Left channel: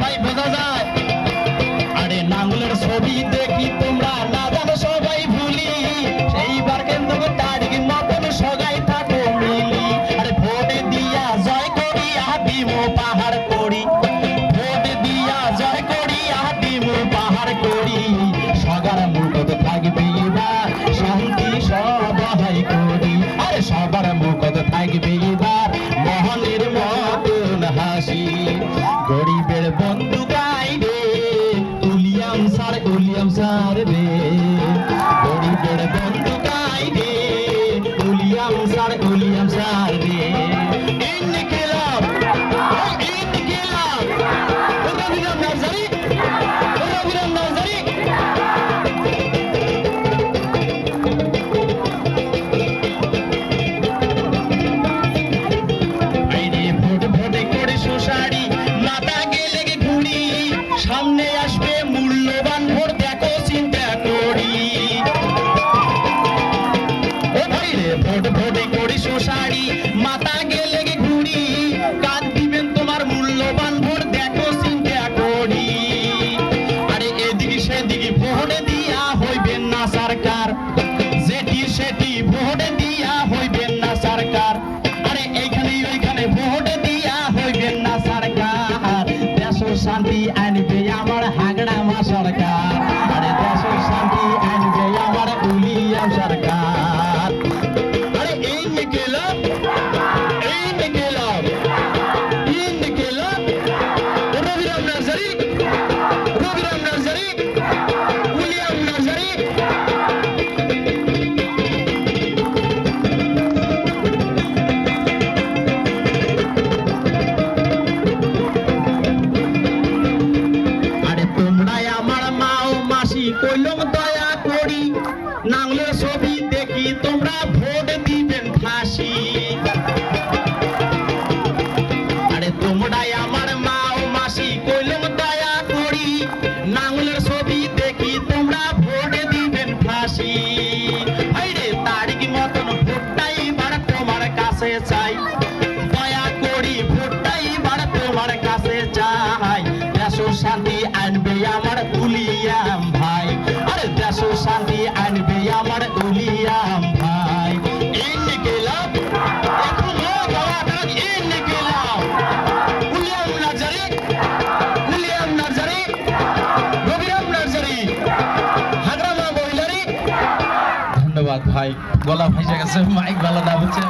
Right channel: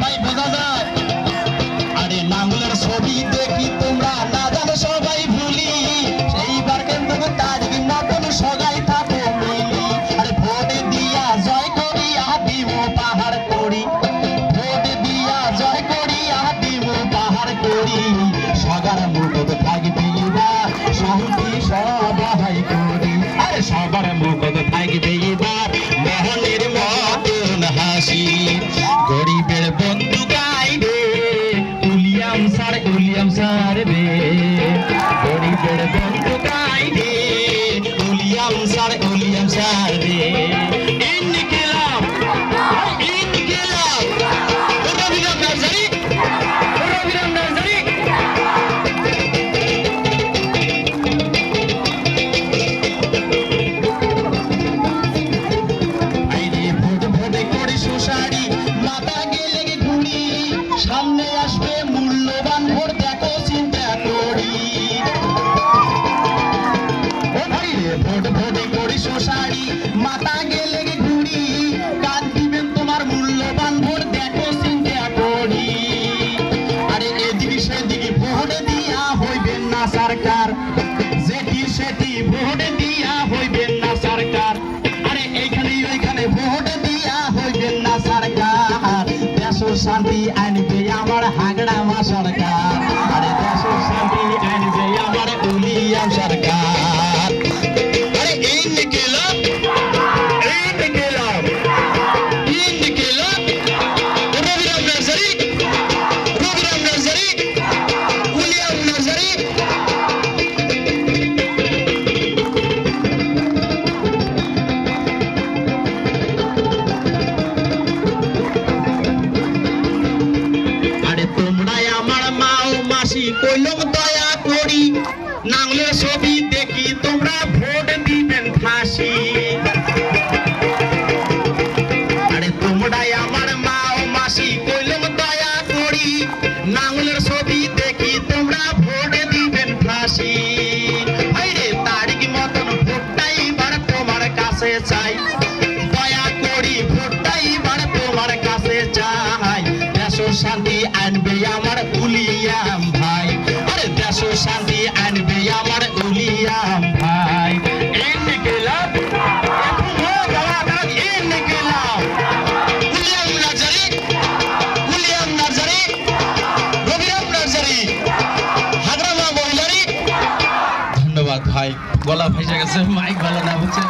ভাই বোঝা যায় আরে নাঙ্গলের ছবি দেখি তোমরা না জানো সবাই ভুলি সেইবার কিন্তু তারিখ মতন সগাই থাকো মিলি আরে ভোট দিয়া জয় করি আদিম পাহাড় করি ভোট দিয়া জয় করি আদিম পাহাড় করি সগার মুখত থাকবে এবার শান্তি সবাই করি আরে সবার মুখত থাকবে এবার মহলের মতন হাসি গরিবের বন্ধু গাইবে উলিয়াম স্যার রে গরিবের বন্ধু গাইবে উলিয়াম স্যার রে ইনকিলাব রবিরাম নার্সারি সামনে আসবে মূল্যবান ভোট দেখো চিন্তা করি ও ভাই রে ভোট করি সোসারি মাথা গেলে ঘুরি কাজ দিবেন তোমার মূল্যবান ভোট দেখো চিন্তা করি আরে এদিকে সেদিকে ভোট দিয়া হইবেন না সরকার যেটি সেটি ভোট দিয়া হইবেন না সরকার আরে এইখানে ওইখানে ভোট দিয়া হইবেন না সরকার দেশের শান্তি আনবে আমার হাগড়া মা সরকার আরে দেশের শান্তি আনবে আমার উলিয়াম সরকার আরে ইনকিলাব রবিরাম নার্সারি উলিয়াম নার্সারি কইলাম দয়া করি নাঙ্গলের ছবি দেখি তোমরা ভোট দিবেন ফাঁসি আরে তোমরাই আমার মা ও মাসি কইলাম দয়া করি নাঙ্গলের ছবি দেখি তোমরা ভোট দিবেন ফাঁসি আরে তারিখ মতন ভোটটাই বার তোমার কাছে চাই দয়া করি ভোটটাই বার তোমার কাছে চাই দেশের শান্তি আনবে আমার উলিয়াম ভাই আরে দেশের শান্তি আনবে আমার উলিয়াম ভাই ইনকিলাব উলিয়াম নার্সারি রবিরাম নার্সারি হাগড়া মা বইলারি ধন্যবাদ ভাই গলা ভেসে গেছে মাইক ভালো না হচ্ছে